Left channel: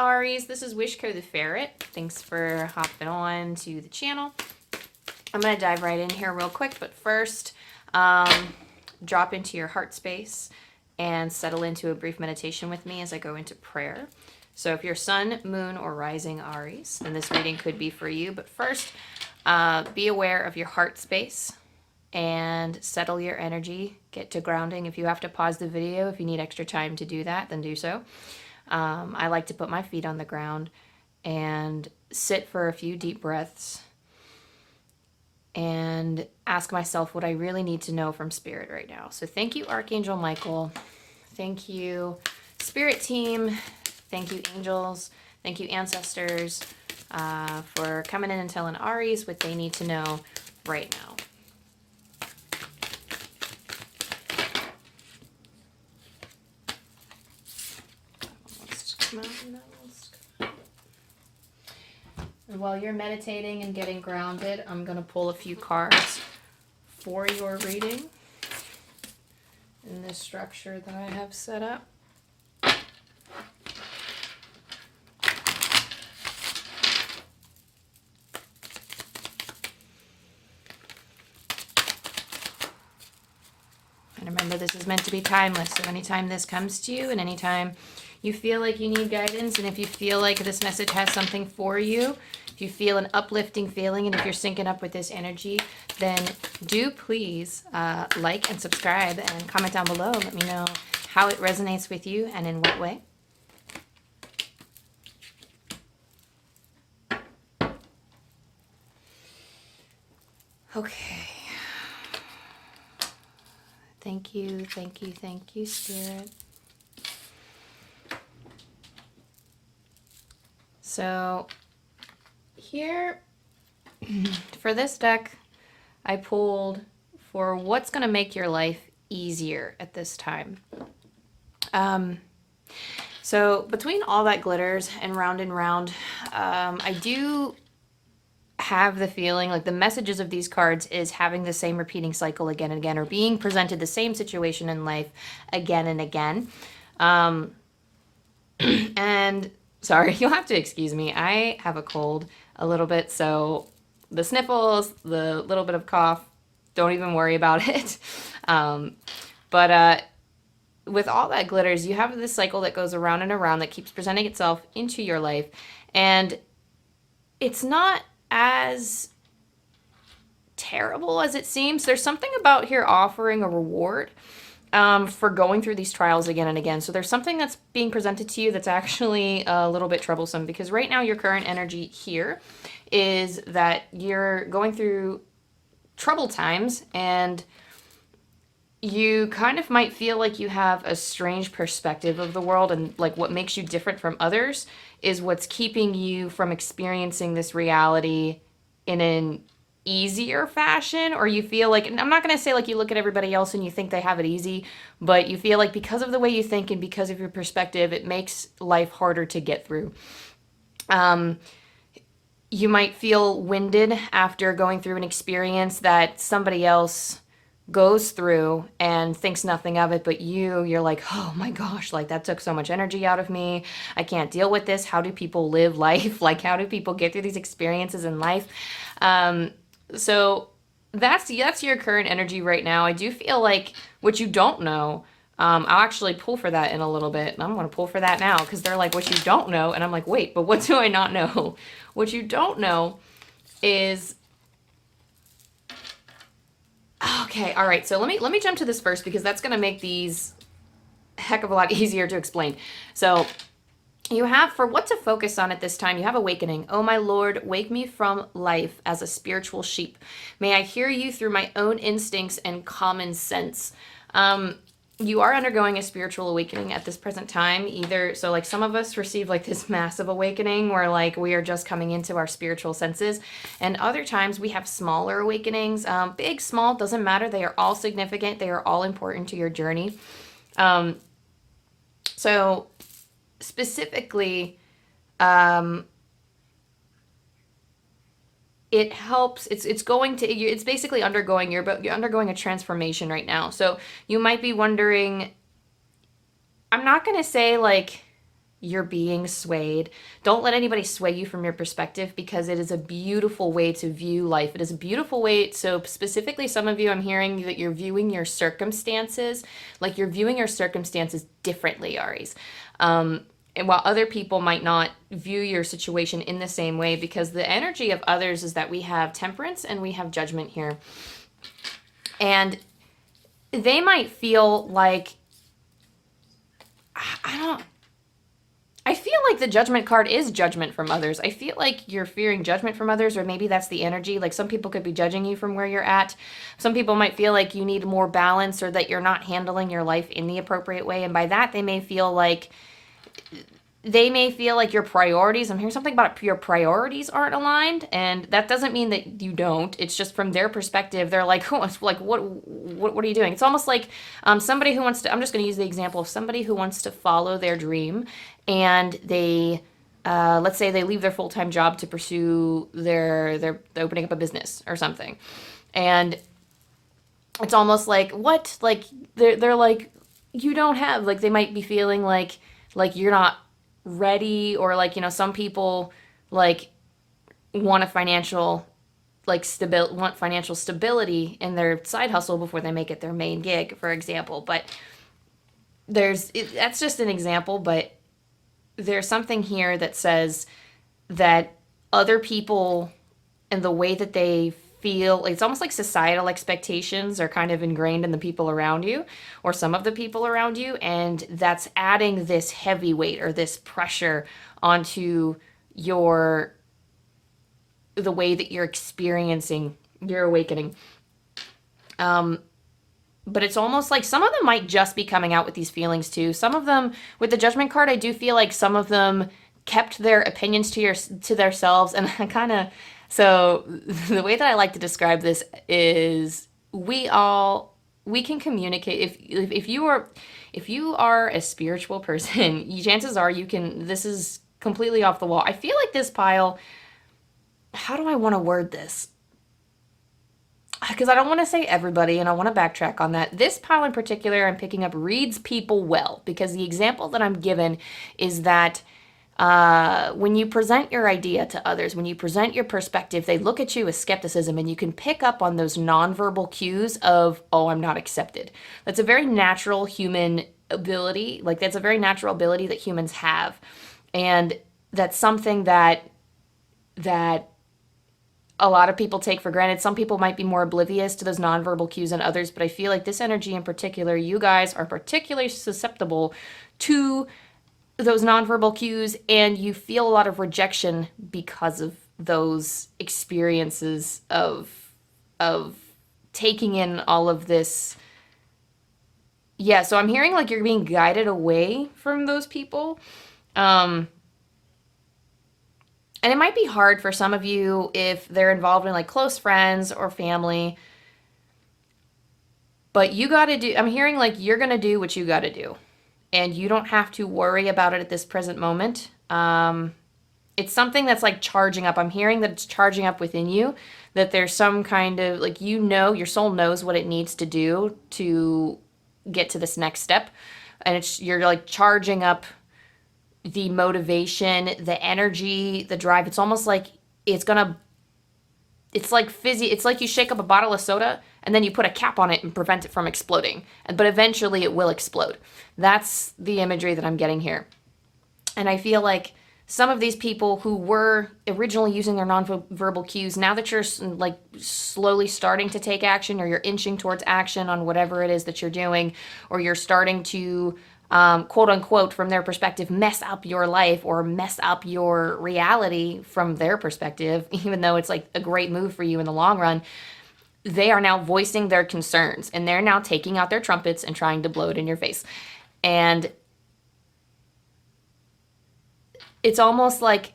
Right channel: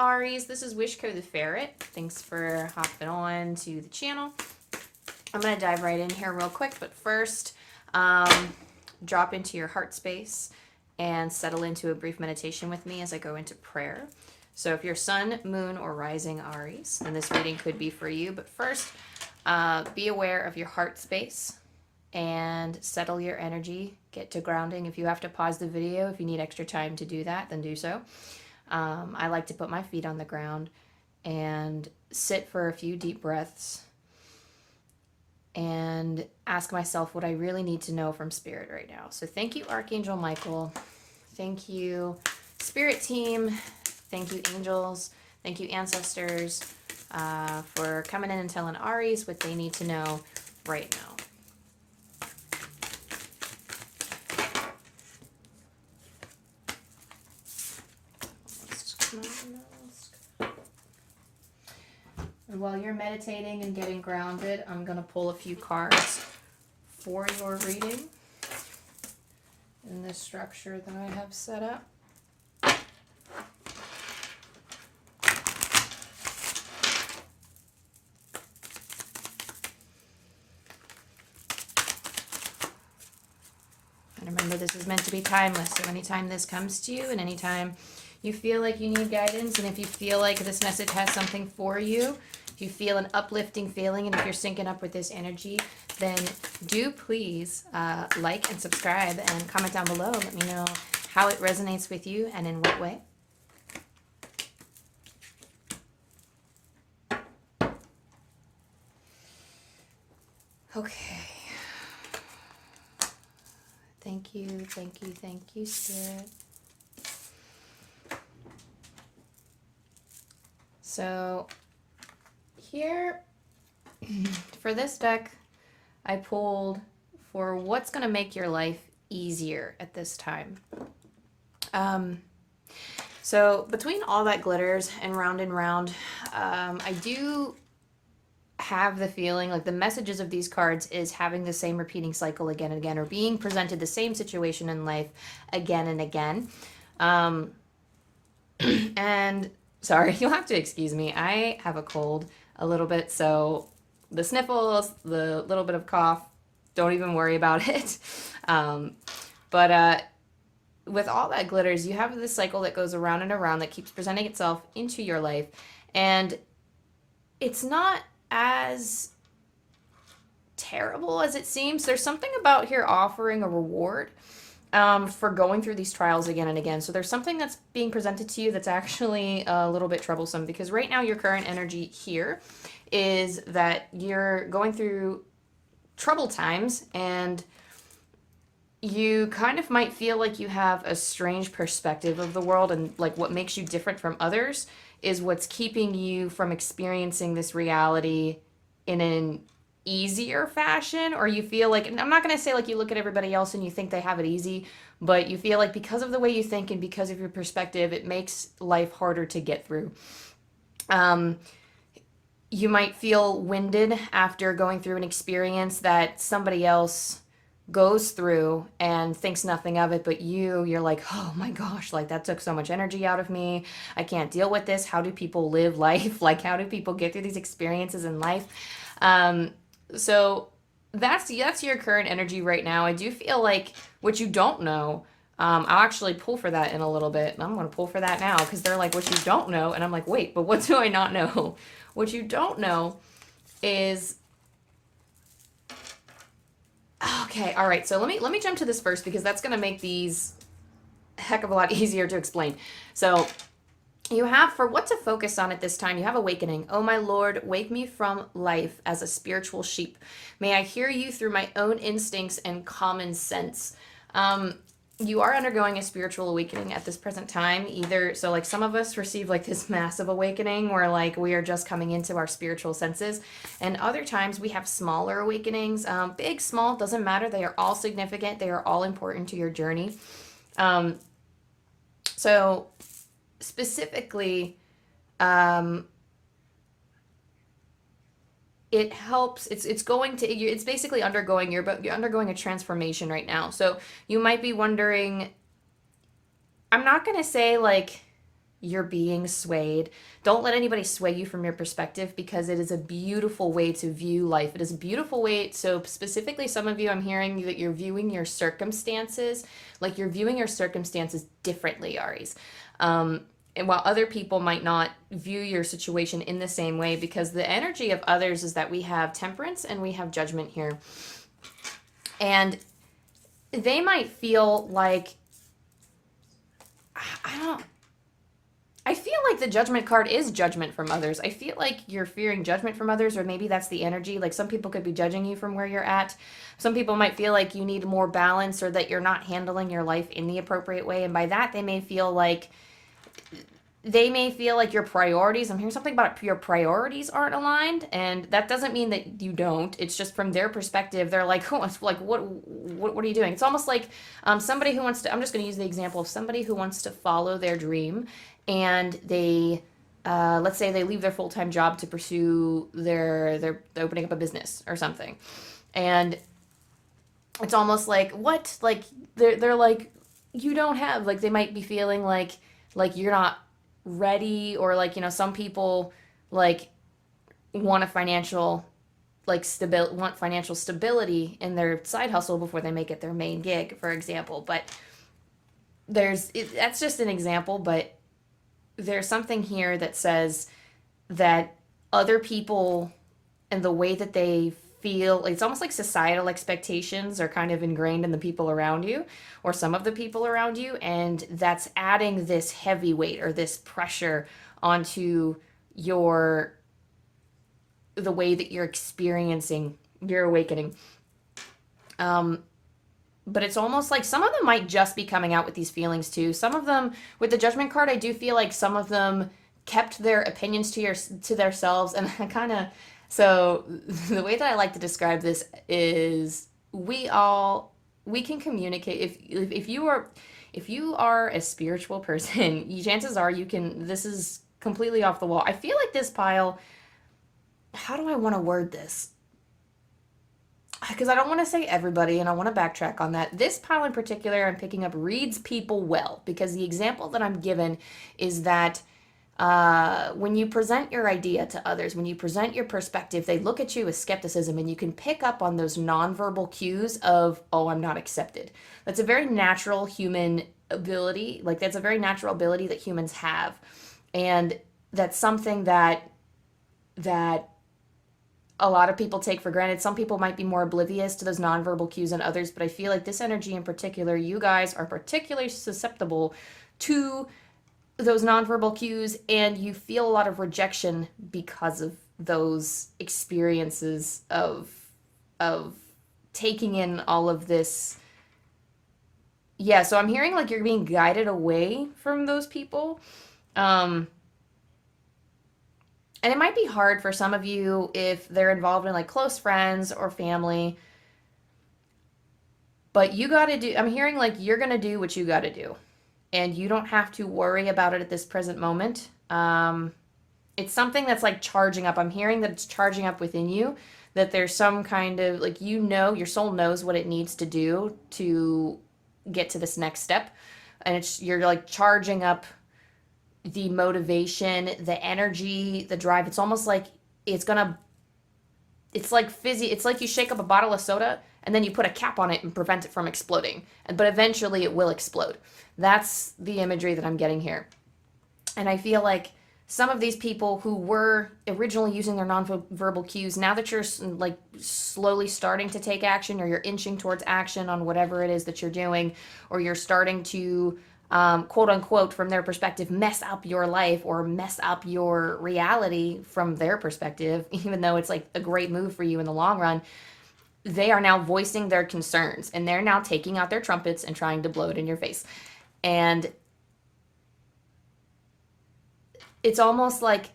Aries, this is wishkotheferret. Thanks for hopping on to the channel. I'm going to dive right in here real quick, but first, drop into your heart space and settle into a brief meditation with me as I go into prayer. So if you're sun, moon, or rising Aries, then this reading could be for you. But first, be aware of your heart space and settle your energy. Get to grounding. If you have to pause the video, if you need extra time to do that, then do so. I like to put my feet on the ground and sit for a few deep breaths and ask myself what I really need to know from Spirit right now. So thank you, Archangel Michael. Thank you, Spirit team. Thank you, angels. Thank you, ancestors, for coming in and telling Aries what they need to know right now. And while you're meditating and getting grounded, I'm going to pull a few cards for your reading in this structure that I have set up. And remember, this is meant to be timeless. So anytime this comes to you and anytime you feel like you need guidance, and if you feel like this message has something for you, if you feel an uplifting feeling, and if you're syncing up with this energy, then do please like and subscribe and comment down below. Let me know how it resonates with you and in what way. Okay. Thank you, thank you, thank you, Spirit. So here, for this deck, I pulled for what's going to make your life easier at this time. So between all that glitters and round, I do have the feeling like the messages of these cards is having the same repeating cycle again and again, or being presented the same situation in life again and again. And sorry, you'll have to excuse me. I have a cold a little bit, so the sniffles, the little bit of cough, don't even worry about it. But with all that glitters, you have this cycle that goes around and around that keeps presenting itself into your life. And it's not as terrible as it seems. There's something about here offering a reward for going through these trials again and again. So there's something that's being presented to you that's actually a little bit troublesome, because right now your current energy here is that you're going through troubled times, and you kind of might feel like you have a strange perspective of the world, and like what makes you different from others is what's keeping you from experiencing this reality in an easier fashion. Or you feel like, and I'm not going to say like you look at everybody else and you think they have it easy, but you feel like because of the way you think and because of your perspective, it makes life harder to get through. You might feel winded after going through an experience that somebody else goes through and thinks nothing of it, but you're like, oh my gosh, like that took so much energy out of me. I can't deal with this. How do people live life? Like, how do people get through these experiences in life? So that's your current energy right now. I do feel like what you don't know, I'll actually pull for that in a little bit. I'm going to pull for that now, because they're like, what you don't know. And I'm like, wait, but what do I not know? What you don't know is, okay, all right. So let me jump to this first, because that's going to make these a heck of a lot easier to explain. So you have, for what to focus on at this time, you have awakening. Oh, my Lord, wake me from life as a spiritual sheep. May I hear you through my own instincts and common sense. You are undergoing a spiritual awakening at this present time. Either, so like some of us receive like this massive awakening where like we are just coming into our spiritual senses. And other times we have smaller awakenings. Big, small, doesn't matter. They are all significant. They are all important to your journey. So specifically, it helps, it's basically undergoing, you're undergoing a transformation right now. So you might be wondering, I'm not going to say like you're being swayed. Don't let anybody sway you from your perspective, because it is a beautiful way to view life. It is a beautiful way. So specifically, some of you, I'm hearing that you're viewing your circumstances, like you're viewing your circumstances differently, Aries. And while other people might not view your situation in the same way, because the energy of others is that we have temperance and we have judgment here. And they might feel like, I feel like the judgment card is judgment from others. I feel like you're fearing judgment from others, or maybe that's the energy. Like some people could be judging you from where you're at. Some people might feel like you need more balance, or that you're not handling your life in the appropriate way. And by that, they may feel like your priorities, I'm hearing something about your priorities aren't aligned, and that doesn't mean that you don't. It's just from their perspective, they're like, oh, like what are you doing? It's almost like somebody who wants to, I'm just going to use the example of somebody who wants to follow their dream, and they let's say they leave their full-time job to pursue their opening up a business or something. And it's almost like, what? Like they're like, you don't have, like they might be feeling like you're not ready, or like, some people like want a financial want financial stability in their side hustle before they make it their main gig, for example. But that's just an example, but there's something here that says that other people and the way that they feel, it's almost like societal expectations are kind of ingrained in the people around you, or some of the people around you, and that's adding this heavy weight or this pressure onto the way that you're experiencing your awakening. But it's almost like some of them might just be coming out with these feelings too. Some of them, with the Judgment card, I do feel like some of them kept their opinions to themselves, and I kind of, so the way that I like to describe this is we can communicate. If you are a spiritual person, chances are you can, this is completely off the wall. I feel like this pile, how do I want to word this? Because I don't want to say everybody, and I want to backtrack on that. This pile in particular, I'm picking up, reads people well, because the example that I'm given is that when you present your idea to others, when you present your perspective, they look at you with skepticism, and you can pick up on those nonverbal cues of, oh, I'm not accepted. That's a very natural human ability. Like, that's a very natural ability that humans have. And that's something that a lot of people take for granted. Some people might be more oblivious to those nonverbal cues than others, but I feel like this energy in particular, you guys are particularly susceptible to those nonverbal cues, and you feel a lot of rejection because of those experiences of taking in all of this. Yeah, so I'm hearing like you're being guided away from those people. And it might be hard for some of you if they're involved in like close friends or family. But you got to do, I'm hearing like you're going to do what you got to do. And you don't have to worry about it at this present moment. It's something that's like charging up. I'm hearing that it's charging up within you, that there's some kind of like, your soul knows what it needs to do to get to this next step. And you're like charging up the motivation, the energy, the drive. It's almost like it's like fizzy. It's like you shake up a bottle of soda and then you put a cap on it and prevent it from exploding. But eventually it will explode. That's the imagery that I'm getting here. And I feel like some of these people who were originally using their nonverbal cues, now that you're like slowly starting to take action, or you're inching towards action on whatever it is that you're doing, or you're starting to quote unquote, from their perspective, mess up your life or mess up your reality from their perspective, even though it's like a great move for you in the long run, they are now voicing their concerns, and they're now taking out their trumpets and trying to blow it in your face. And it's almost like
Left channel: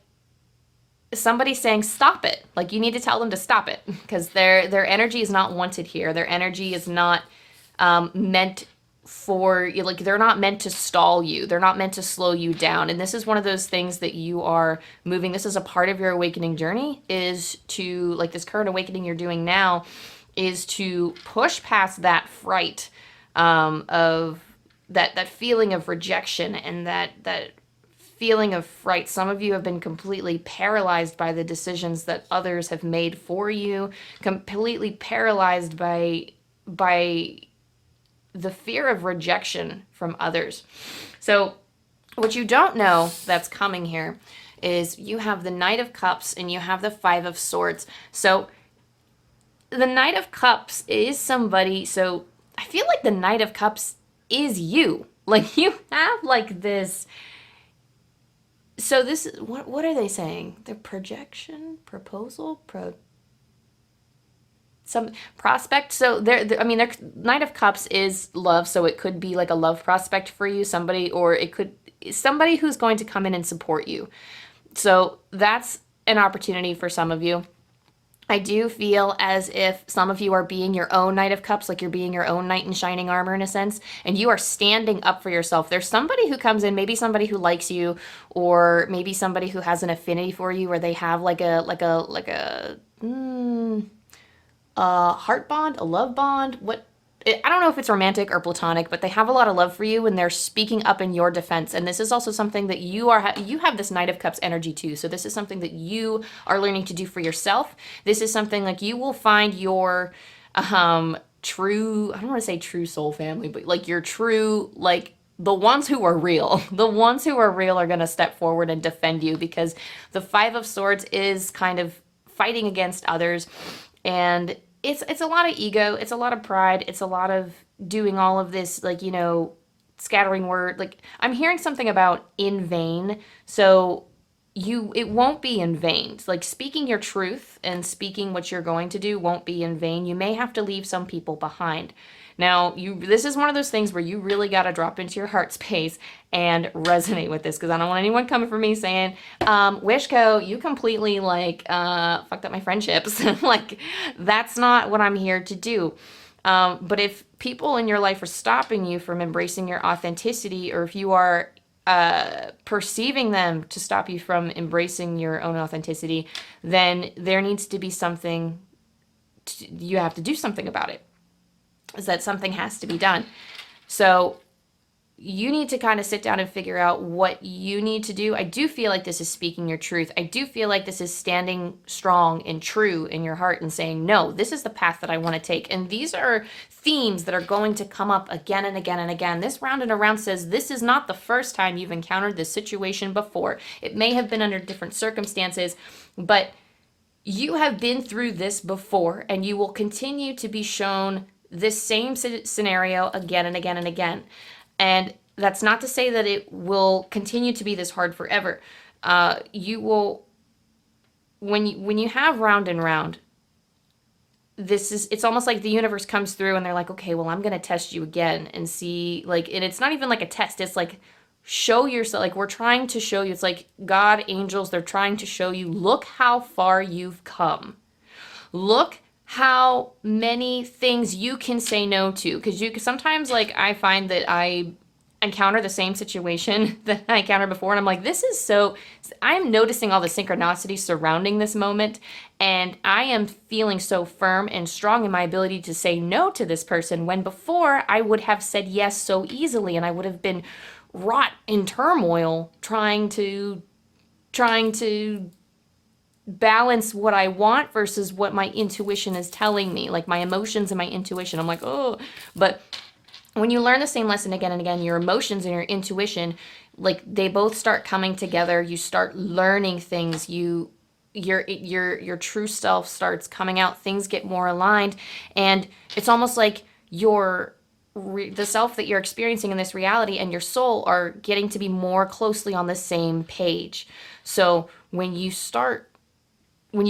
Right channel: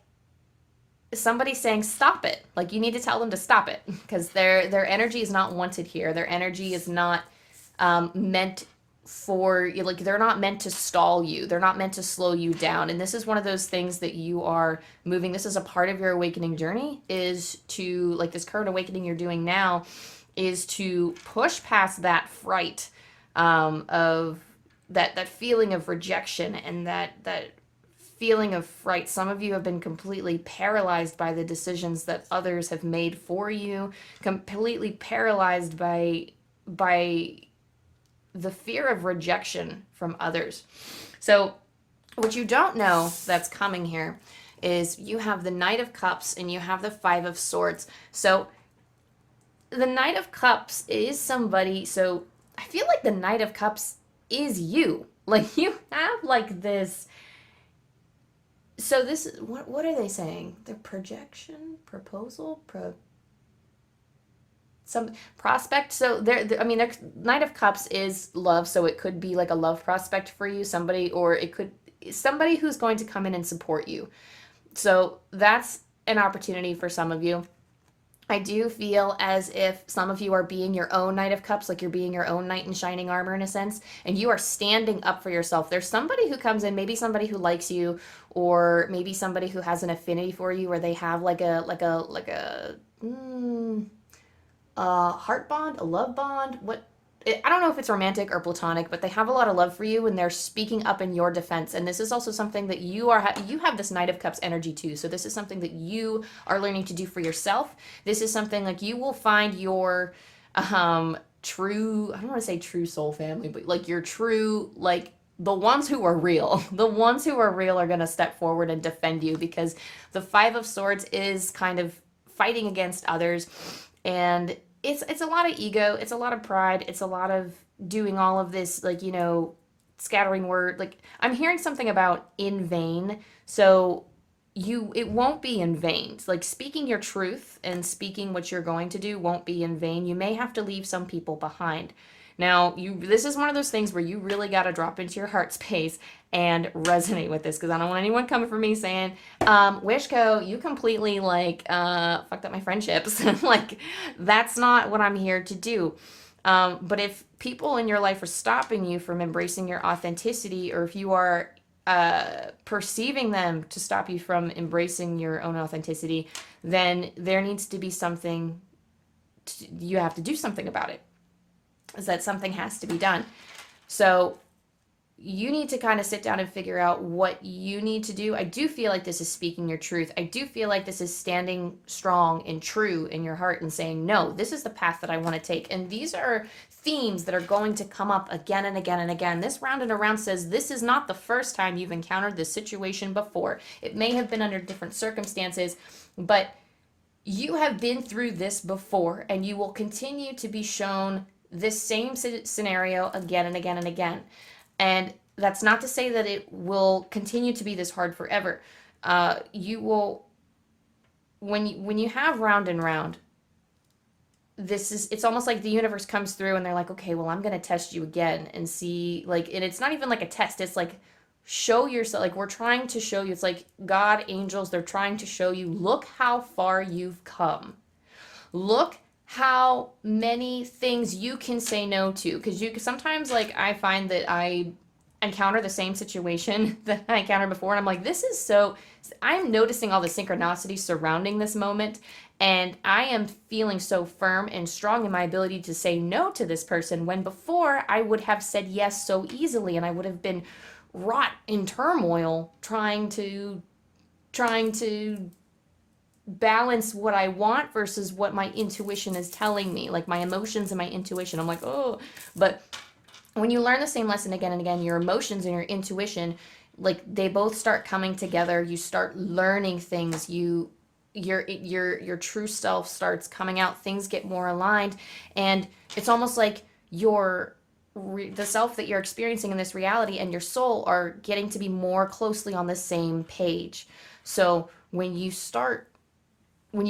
somebody's saying, stop it. Like, you need to tell them to stop it, because their energy is not wanted here. Their energy is not meant for, like, they're not meant to stall you. They're not meant to slow you down. And this is one of those things that you are moving. This is a part of your awakening journey, is to, like, this current awakening you're doing now is to push past that fright of that feeling of rejection, and that feeling of fright. Some of you have been completely paralyzed by the decisions that others have made for you, completely paralyzed by the fear of rejection from others. So what you don't know that's coming here is you have the Knight of Cups and you have the Five of Swords. So the Knight of Cups is somebody, so I feel like the Knight of Cups is you. Like you have like this. So this is what are they saying? The projection, proposal, some prospect. So I mean, their Knight of Cups is love, so it could be like a love prospect for you, somebody, or it could somebody who's going to come in and support you. So that's an opportunity for some of you. I do feel as if some of you are being your own Knight of Cups, like you're being your own knight in shining armor in a sense, and you are standing up for yourself. There's somebody who comes in, maybe somebody who likes you, or maybe somebody who has an affinity for you, or they have a heart bond, a love bond. I don't know if it's romantic or platonic, but they have a lot of love for you and they're speaking up in your defense. And this is also something that you have this Knight of Cups energy too. So this is something that you are learning to do for yourself. This is something like you will find your true, I don't want to say true soul family, but like your true, like the ones who are real. The ones who are real are going to step forward and defend you, because the Five of Swords is kind of fighting against others, and it's a lot of ego, it's a lot of pride, it's a lot of doing all of this, like, scattering word. Like, I'm hearing something about in vain. So it won't be in vain. Like, speaking your truth and speaking what you're going to do won't be in vain. You may have to leave some people behind. Now, this is one of those things where you really got to drop into your heart space and resonate with this, because I don't want anyone coming for me saying, Wishko, you completely, fucked up my friendships. Like, that's not what I'm here to do. But if people in your life are stopping you from embracing your authenticity, or if you are perceiving them to stop you from embracing your own authenticity, then there needs to be something, you have to do something about it. Is that something has to be done. So you need to kind of sit down and figure out what you need to do. I do feel like this is speaking your truth. I do feel like this is standing strong and true in your heart and saying, no, this is the path that I want to take. And these are themes that are going to come up again and again and again. This round and around says this is not the first time you've encountered this situation before. It may have been under different circumstances, but you have been through this before, and you will continue to be shown this same scenario again and again and again. And that's not to say that it will continue to be this hard forever. You will, when you have round and round, it's almost like the universe comes through and they're like, okay, well, I'm going to test you again and see, like, and it's not even like a test. It's like, show yourself, like, we're trying to show you. It's like God, angels, they're trying to show you, look how far you've come. Look how many things you can say no to, because sometimes, like, I find that I encounter the same situation that I encountered before, and I'm like, I'm noticing all the synchronicity surrounding this moment, and I am feeling so firm and strong in my ability to say no to this person, when before I would have said yes so easily, and I would have been wrought in turmoil trying to balance what I want versus what my intuition is telling me, like my emotions and my intuition. I'm like, oh, but when you learn the same lesson again and again, your emotions and your intuition, like, they both start coming together. You start learning things. Your true self starts coming out. Things get more aligned, and it's almost like the self that you're experiencing in this reality and your soul are getting to be more closely on the same page. So when you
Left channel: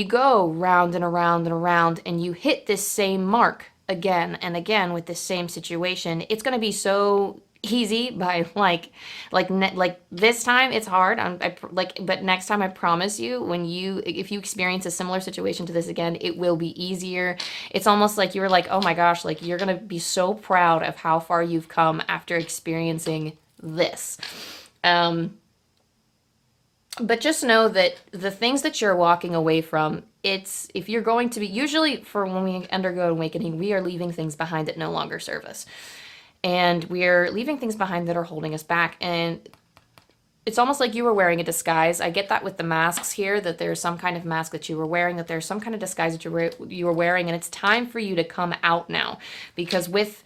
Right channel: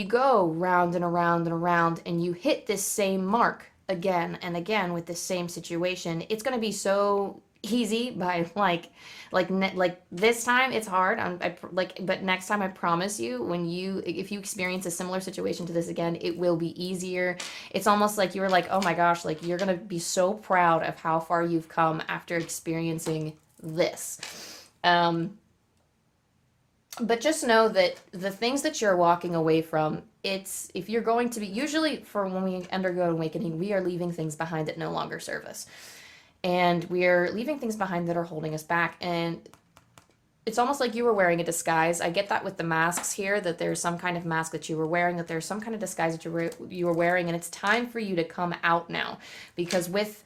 go round and around and around and you hit this same mark again and again with this same situation, it's going to be so easy by like this time it's hard. But next time, I promise you, if you experience a similar situation to this again, it will be easier. It's almost like you're like, oh my gosh, like, you're going to be so proud of how far you've come after experiencing this. But just know that the things that you're walking away from, if you're going to be, usually for when we undergo awakening, we are leaving things behind that no longer serve us. And we're leaving things behind that are holding us back. And it's almost like you were wearing a disguise. I get that with the masks here, that there's some kind of mask that you were wearing, that there's some kind of disguise that you were wearing, and it's time for you to come out now. Because with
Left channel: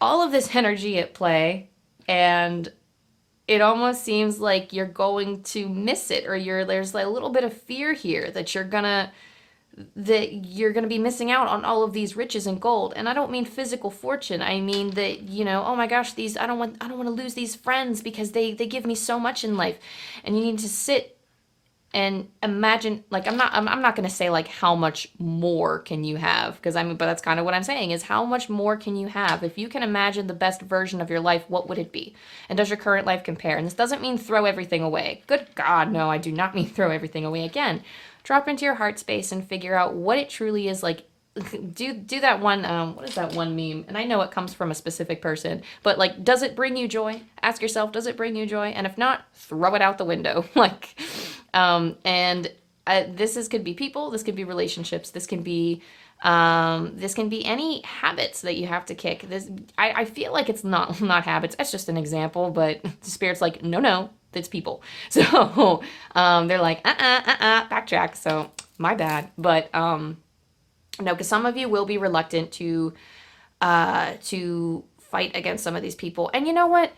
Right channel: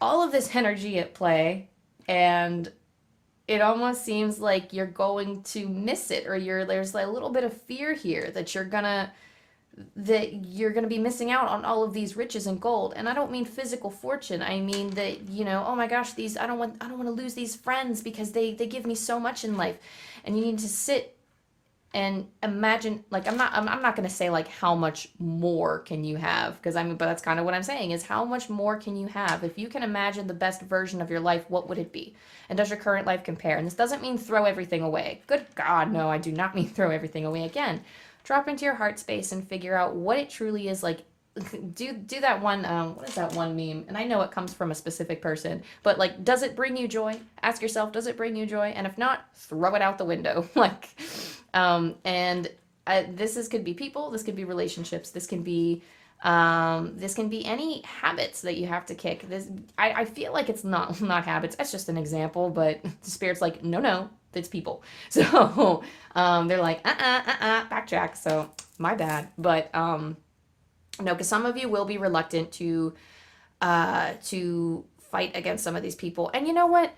all of this energy at play, and it almost seems like you're going to miss it, or there's like a little bit of fear here that you're gonna be missing out on all of these riches and gold. And I don't mean physical fortune. I mean that, oh my gosh, these I don't want to lose these friends because they give me so much in life. And you need to sit and imagine, like, I'm not going to say like how much more can you have, because but that's kind of what I'm saying, is how much more can you have? If you can imagine the best version of your life, what would it be? And does your current life compare? And this doesn't mean throw everything away. Good God, no, I do not mean throw everything away. Again, drop into your heart space and figure out what it truly is like. Do that one, what is that one meme? And I know it comes from a specific person, but like, does it bring you joy? Ask yourself, does it bring you joy? And if not, throw it out the window. Like, could be people, this could be relationships, this can be any habits that you have to kick. I feel like it's not habits. That's just an example, but the Spirit's like, no, it's people. So, they're like, backtrack. So my bad. But, no, because some of you will be reluctant to fight against some of these people. And you know what?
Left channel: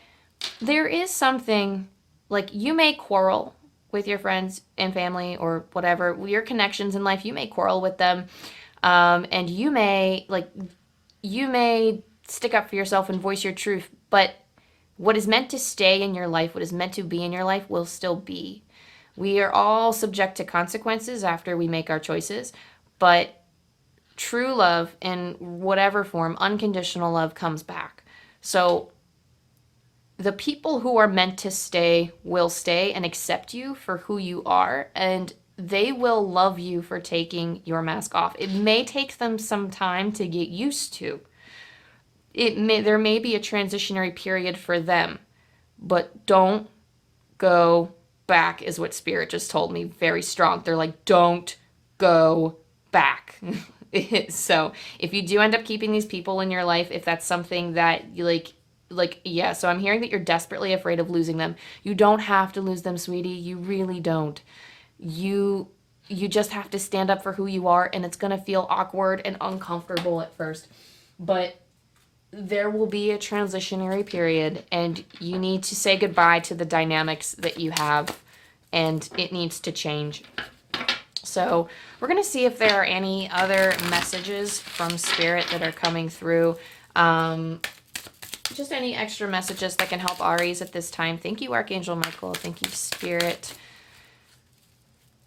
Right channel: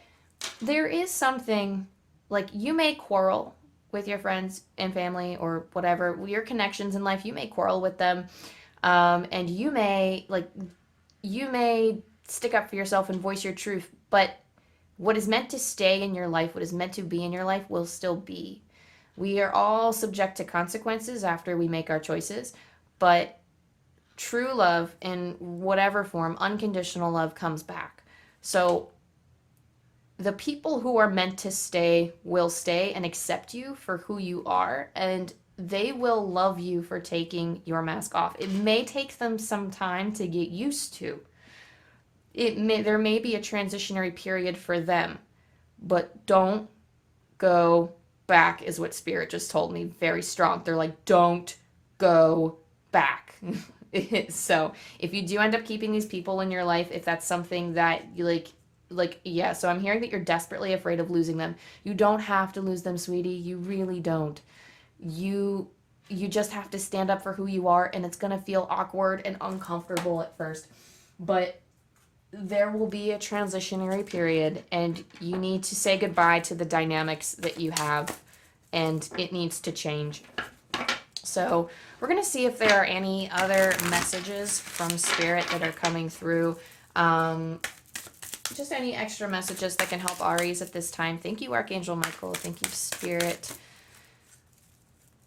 There is something, like, you may quarrel with your friends and family or whatever, your connections in life. You may quarrel with them, and you may stick up for yourself and voice your truth. But what is meant to stay in your life, what is meant to be in your life, will still be. We are all subject to consequences after we make our choices, but true love, in whatever form, unconditional love, comes back. So the people who are meant to stay will stay and accept you for who you are, and they will love you for taking your mask off. It may take them some time to get used to. There may be a transitionary period for them, but don't go back, is what Spirit just told me, very strong. They're like, don't go back. So if you do end up keeping these people in your life, if that's something that you yeah, so I'm hearing that you're desperately afraid of losing them. You don't have to lose them, sweetie. You really don't. You just have to stand up for who you are, and it's going to feel awkward and uncomfortable at first. But there will be a transitionary period, and you need to say goodbye to the dynamics that you have, and it needs to change. So we're going to see if there are any other messages from Spirit that are coming through. Just any extra messages that can help Aries at this time. Thank you, Archangel Michael. Thank you, Spirit,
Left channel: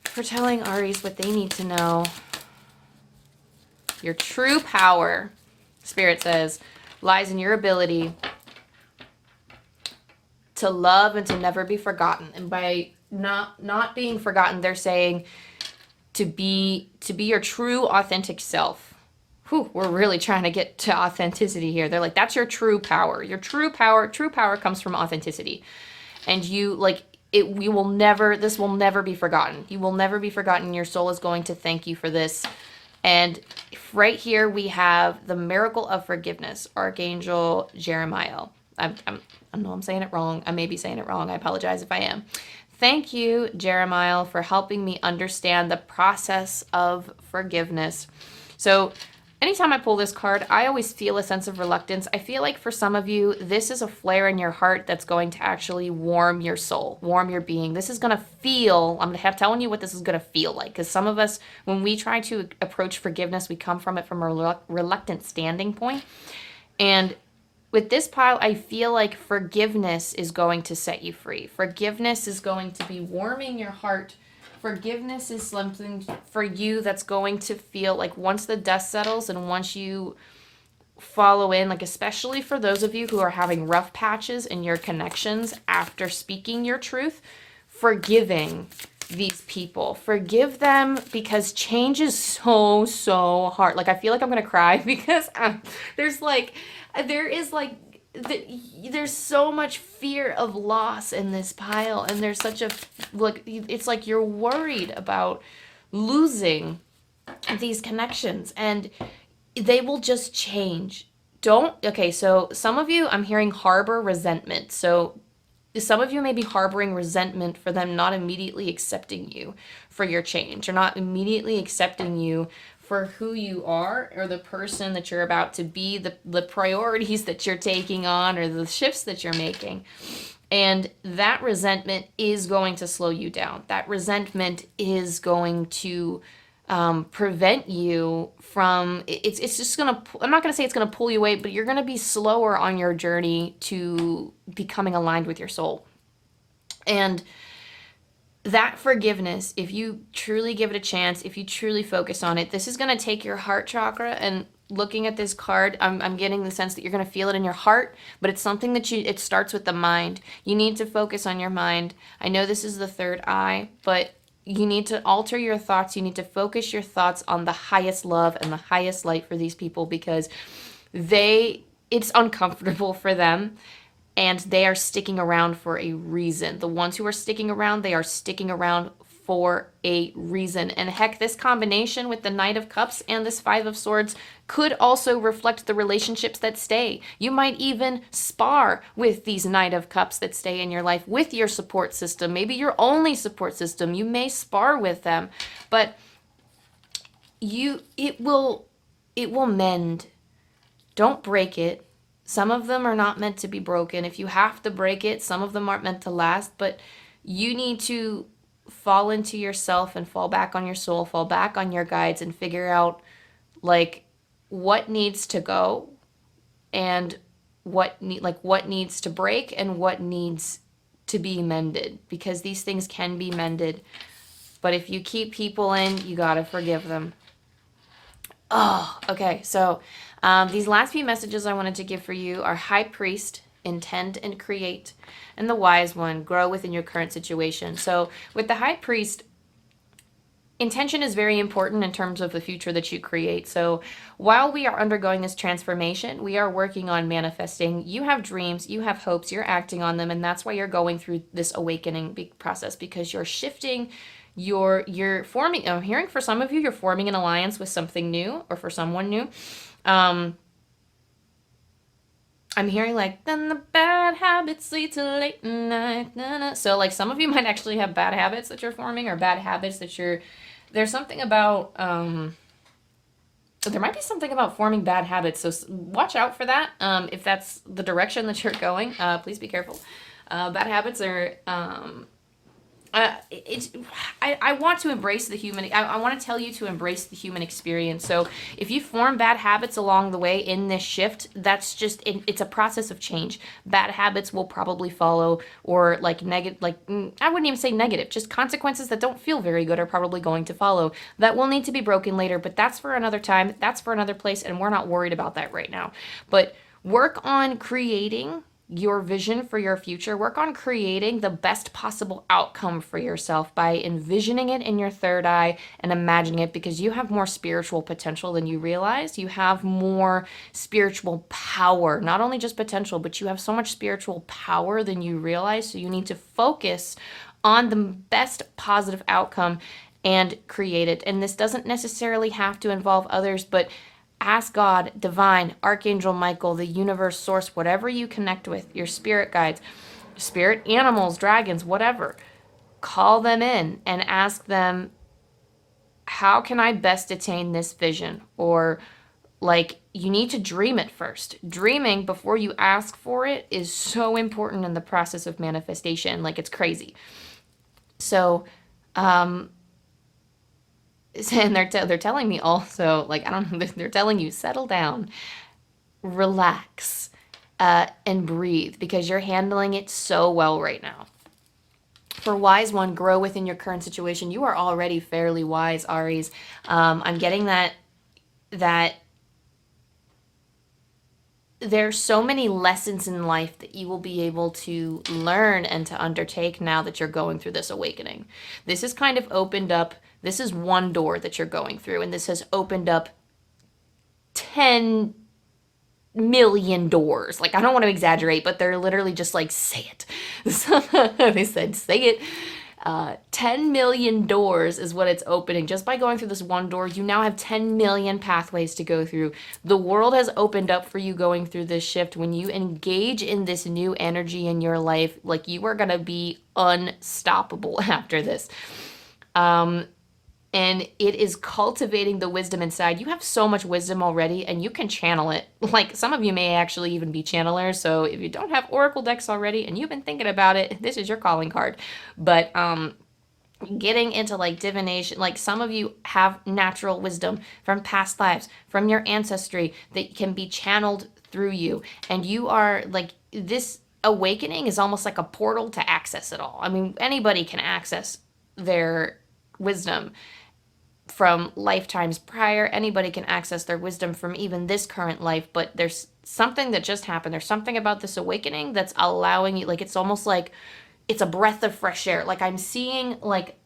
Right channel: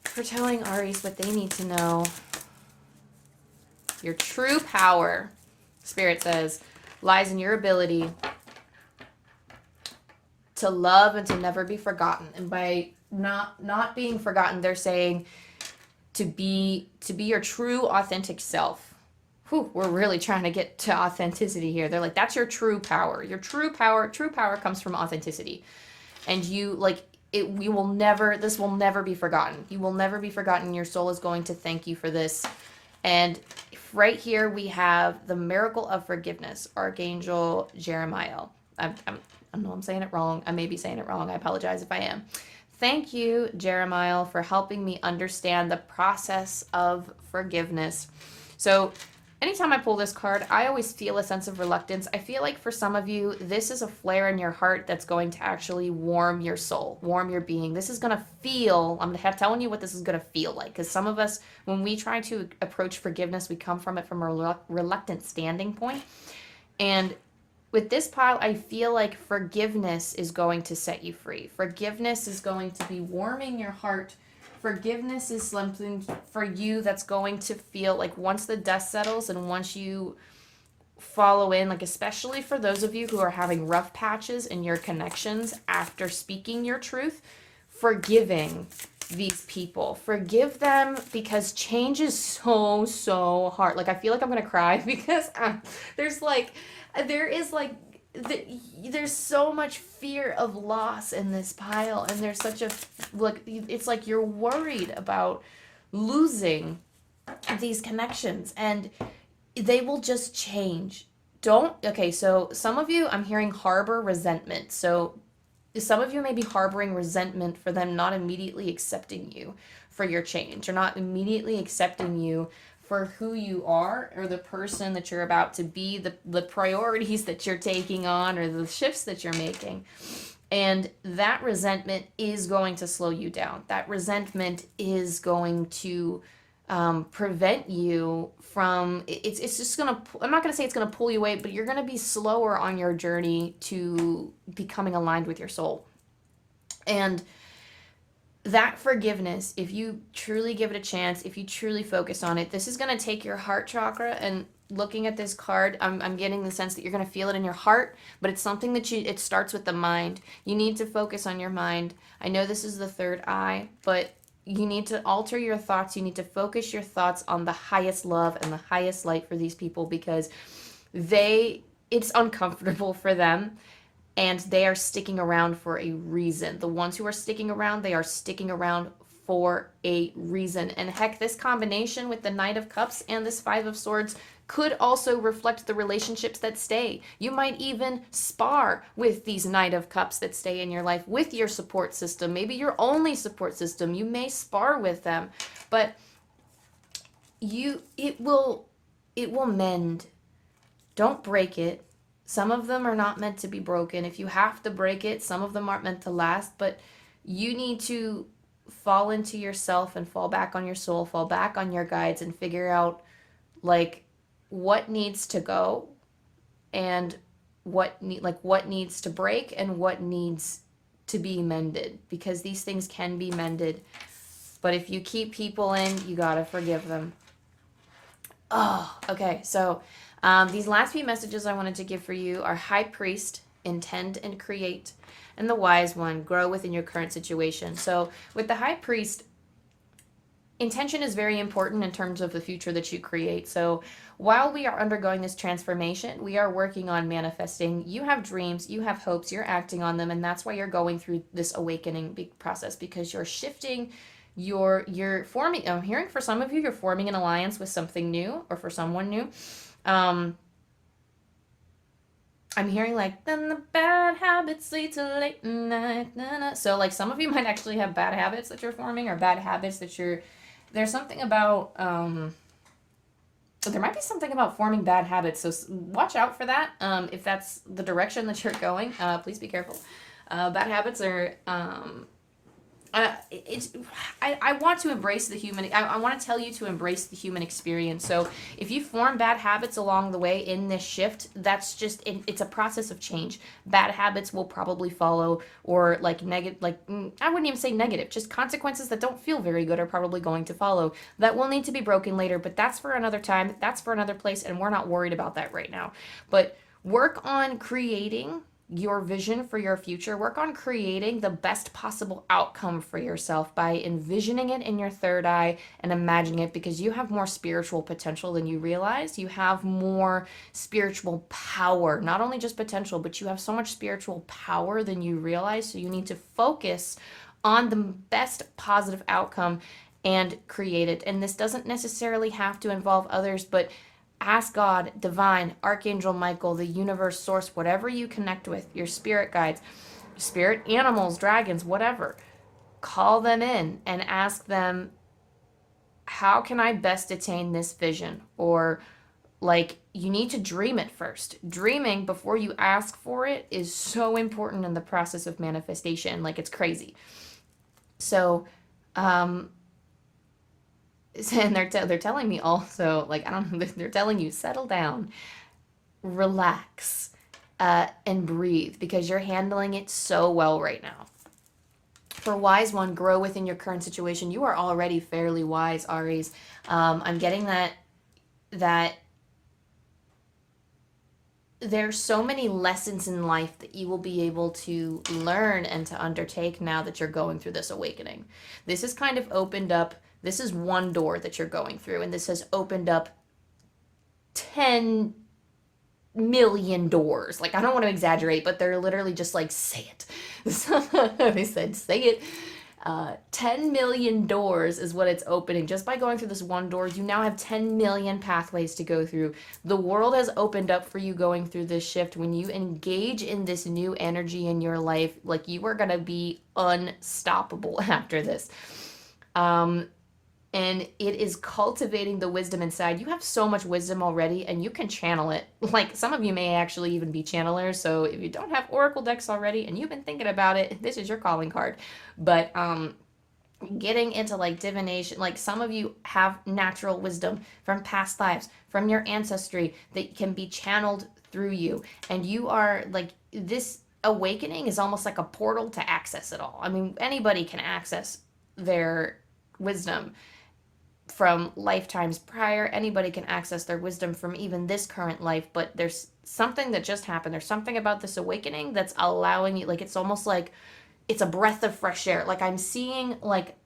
for telling Aries what they need to know. Your true power, Spirit says, lies in your ability to love and to never be forgotten. And by not being forgotten, they're saying to be your true authentic self. We're really trying to get to authenticity here. They're like, that's your true power. Your true power comes from authenticity. And this will never be forgotten. You will never be forgotten. Your soul is going to thank you for this. And right here we have the miracle of forgiveness, Archangel Jeremiah. I know I'm saying it wrong. I may be saying it wrong. I apologize if I am. Thank you, Jeremiah, for helping me understand the process of forgiveness. So anytime I pull this card, I always feel a sense of reluctance. I feel like for some of you, this is a flare in your heart that's going to actually warm your soul, warm your being. This is going to feel, I'm telling you what this is going to feel like. Because some of us, when we try to approach forgiveness, we come from it from a reluctant standing point. And with this pile, I feel like forgiveness is going to set you free. Forgiveness is going to be warming your heart. Forgiveness is something for you that's going to feel like once the dust settles and once you follow in, like especially for those of you who are having rough patches in your connections after speaking your truth, forgiving these people. Forgive them, because change is so hard. Like, I feel like I'm going to cry because there's so much fear of loss in this pile, and there's such it's like you're worried about losing these connections, and they will just change. So some of you, I'm hearing harbor resentment. So some of you may be harboring resentment for them not immediately accepting you for your change, or not immediately accepting you for who you are, or the person that you're about to be, the priorities that you're taking on, or the shifts that you're making. And that resentment is going to slow you down. That resentment is going to prevent you from, it's just gonna, I'm not gonna say it's gonna pull you away, but you're gonna be slower on your journey to becoming aligned with your soul. And that forgiveness, if you truly give it a chance, if you truly focus on it, this is going to take your heart chakra. And looking at this card, I'm getting the sense that you're going to feel it in your heart, but it's something that it starts with the mind. You need to focus on your mind. I know this is the third eye, but you need to alter your thoughts. You need to focus your thoughts on the highest love and the highest light for these people, because it's uncomfortable for them. And they are sticking around for a reason. The ones who are sticking around, they are sticking around for a reason. And heck, this combination with the Knight of Cups and this Five of Swords could also reflect the relationships that stay. You might even spar with these Knight of Cups that stay in your life with your support system. Maybe your only support system. You may spar with them, but it will mend. Don't break it. Some of them are not meant to be broken. If you have to break it, some of them aren't meant to last, but you need to fall into yourself and fall back on your soul, fall back on your guides, and figure out like what needs to go, and what needs to break, and what needs to be mended, because these things can be mended. But if you keep people in, you got to forgive them. Oh, okay. So these last few messages I wanted to give for you are High Priest, intend and create, and the Wise One, grow within your current situation. So with the High Priest, intention is very important in terms of the future that you create. So while we are undergoing this transformation, we are working on manifesting. You have dreams, you have hopes, you're acting on them, and that's why you're going through this awakening process, because you're shifting. You're forming, I'm hearing for some of you, you're forming an alliance with something new, or for someone new. I'm hearing like, then the bad habits lead to late night. Nah, nah. So like some of you might actually have bad habits that you're forming, or bad habits that there's something about, there might be something about forming bad habits. So watch out for that. If that's the direction that you're going, please be careful. Bad habits are, I want to embrace the human. I want to tell you to embrace the human experience. So if you form bad habits along the way in this shift, that's just it's a process of change. Bad habits will probably follow, or like negative, I wouldn't even say negative, just consequences that don't feel very good are probably going to follow. That will need to be broken later, but that's for another time. That's for another place, and we're not worried about that right now. But work on creating your vision for your future. Work on creating the best possible outcome for yourself by envisioning it in your third eye and imagining it, because you have more spiritual potential than you realize. You have more spiritual power, not only just potential, but you have so much spiritual power than you realize. So you need to focus on the best positive outcome and create it. And this doesn't necessarily have to involve others, but ask God, divine, Archangel Michael, the universe, source, whatever you connect with, your spirit guides, spirit animals, dragons, whatever. Call them in and ask them, how can I best attain this vision? Or like, you need to dream it first. Dreaming before you ask for it is so important in the process of manifestation. Like, it's crazy. So, and they're telling me also, like, I don't know, they're telling you, settle down, relax, and breathe, because you're handling it so well right now. For Wise One, grow within your current situation. You are already fairly wise, Aries. I'm getting that there's so many lessons in life that you will be able to learn and to undertake now that you're going through this awakening. This has kind of opened up. This is one door that you're going through, and this has opened up 10 million doors. Like, I don't want to exaggerate, but they're literally just like, say it. So they said, say it. 10 million doors is what it's opening. Just by going through this one door, you now have 10 million pathways to go through. The world has opened up for you going through this shift. When you engage in this new energy in your life, like, you are going to be unstoppable after this. And it is cultivating the wisdom inside. You have so much wisdom already, and you can channel it. Like, some of you may actually even be channelers, so if you don't have oracle decks already and you've been thinking about it, this is your calling card. But getting into like divination, like, some of you have natural wisdom from past lives, from your ancestry, that can be channeled through you, and you are like, this awakening is almost like a portal to access it all. I mean, anybody can access their wisdom from lifetimes prior. Anybody can access their wisdom from even this current life, but there's something that just happened. There's something about this awakening that's allowing you, like, it's almost like it's a breath of fresh air. Like, I'm seeing, like,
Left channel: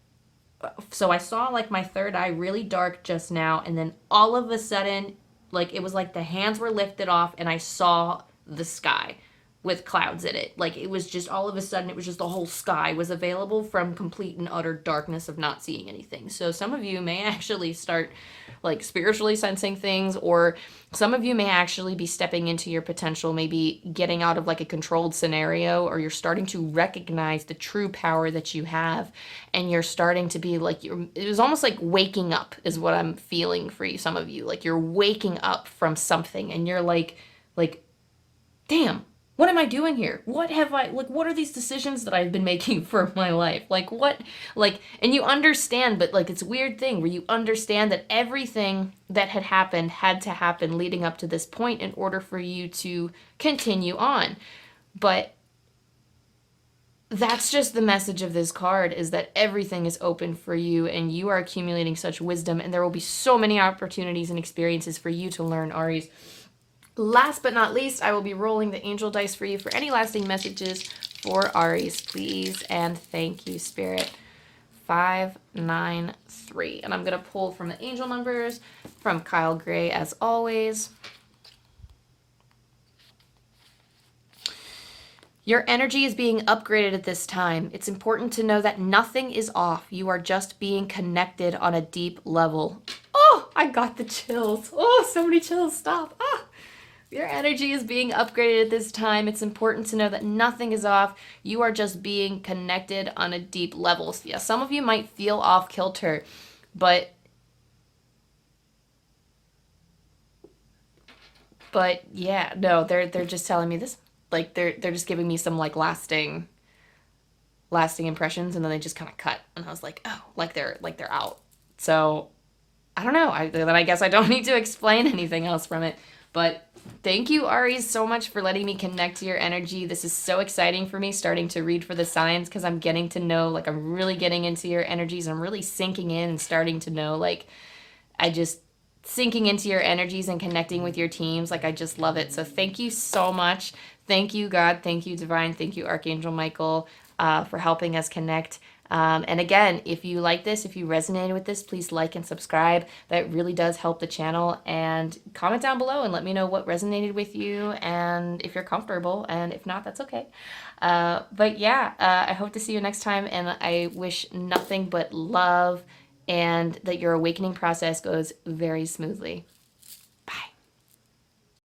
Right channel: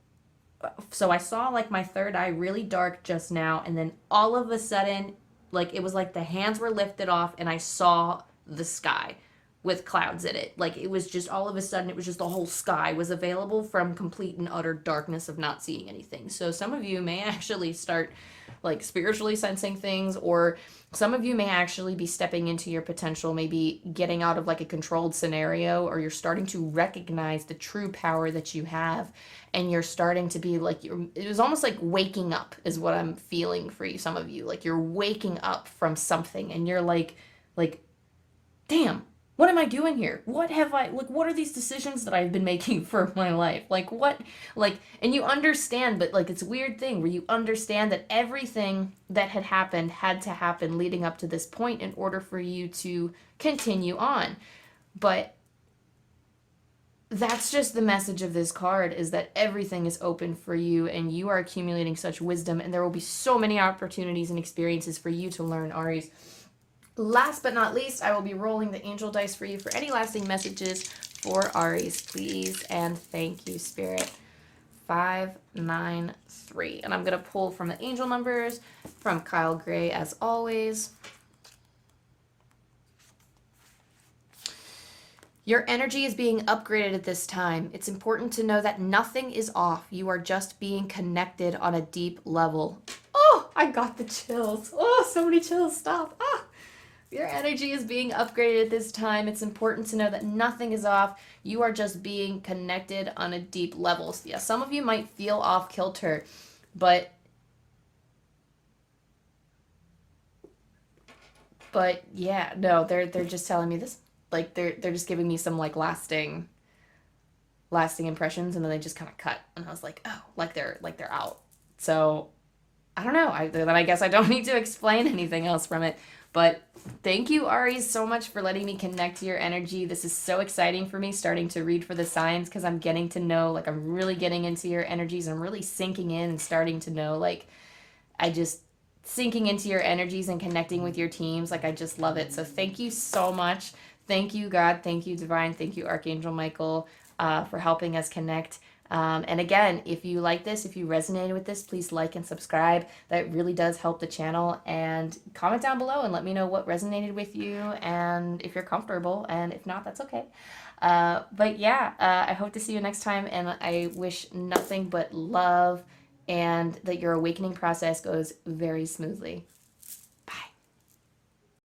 so I saw like my third eye really dark just now, and then all of a sudden, like, it was like the hands were lifted off and I saw the sky with clouds in it. Like, it was just all of a sudden, it was just the whole sky was available from complete and utter darkness of not seeing anything. So some of you may actually start like spiritually sensing things, or some of you may actually be stepping into your potential, maybe getting out of like a controlled scenario, or you're starting to recognize the true power that you have, and you're starting to be like, it was almost like waking up is what I'm feeling for you. Some of you, like, you're waking up from something and you're like, damn, what am I doing here? What have I, like, what are these decisions that I've been making for my life? Like, what, like, and you understand, but like, it's a weird thing where you understand that everything that had to happen leading up to this point in order for you to continue on. But that's just the message of this card, is that everything is open for you and you are accumulating such wisdom, and there will be so many opportunities and experiences for you to learn, Aries. Last but not least, I will be rolling the angel dice for you for any lasting messages for Aries, please. And thank you, Spirit. 5, 9, 3. And I'm going to pull from the angel numbers from Kyle Gray, as always. Your energy is being upgraded at this time. It's important to know that nothing is off. You are just being connected on a deep level. Oh, I got the chills. Oh, so many chills. Stop. Ah. Your energy is being upgraded at this time. It's important to know that nothing is off. You are just being connected on a deep level. So yeah, some of you might feel off kilter, but yeah, no, they're just telling me this, like, they're just giving me some like lasting impressions, and then they just kind of cut, and I was like, oh, like they're out. So I don't know. Then I guess I don't need to explain anything else from it. But thank you, Aries, so much for letting me connect to your energy. This is so exciting for me, starting to read for the signs, because I'm getting to know, like, I'm really getting into your energies. I'm really sinking in and starting to know, like, sinking into your energies and connecting with your teams. Like, I just love it. So thank you so much. Thank you, God. Thank you, Divine. Thank you, Archangel Michael, for helping us connect. And again, if you like this, if you resonated with this, please like and subscribe. That really does help the channel. And comment down below and let me know what resonated with you, and if you're comfortable, and if not, that's okay. But yeah, I hope to see you next time, and I wish nothing but love and that your awakening process goes very smoothly.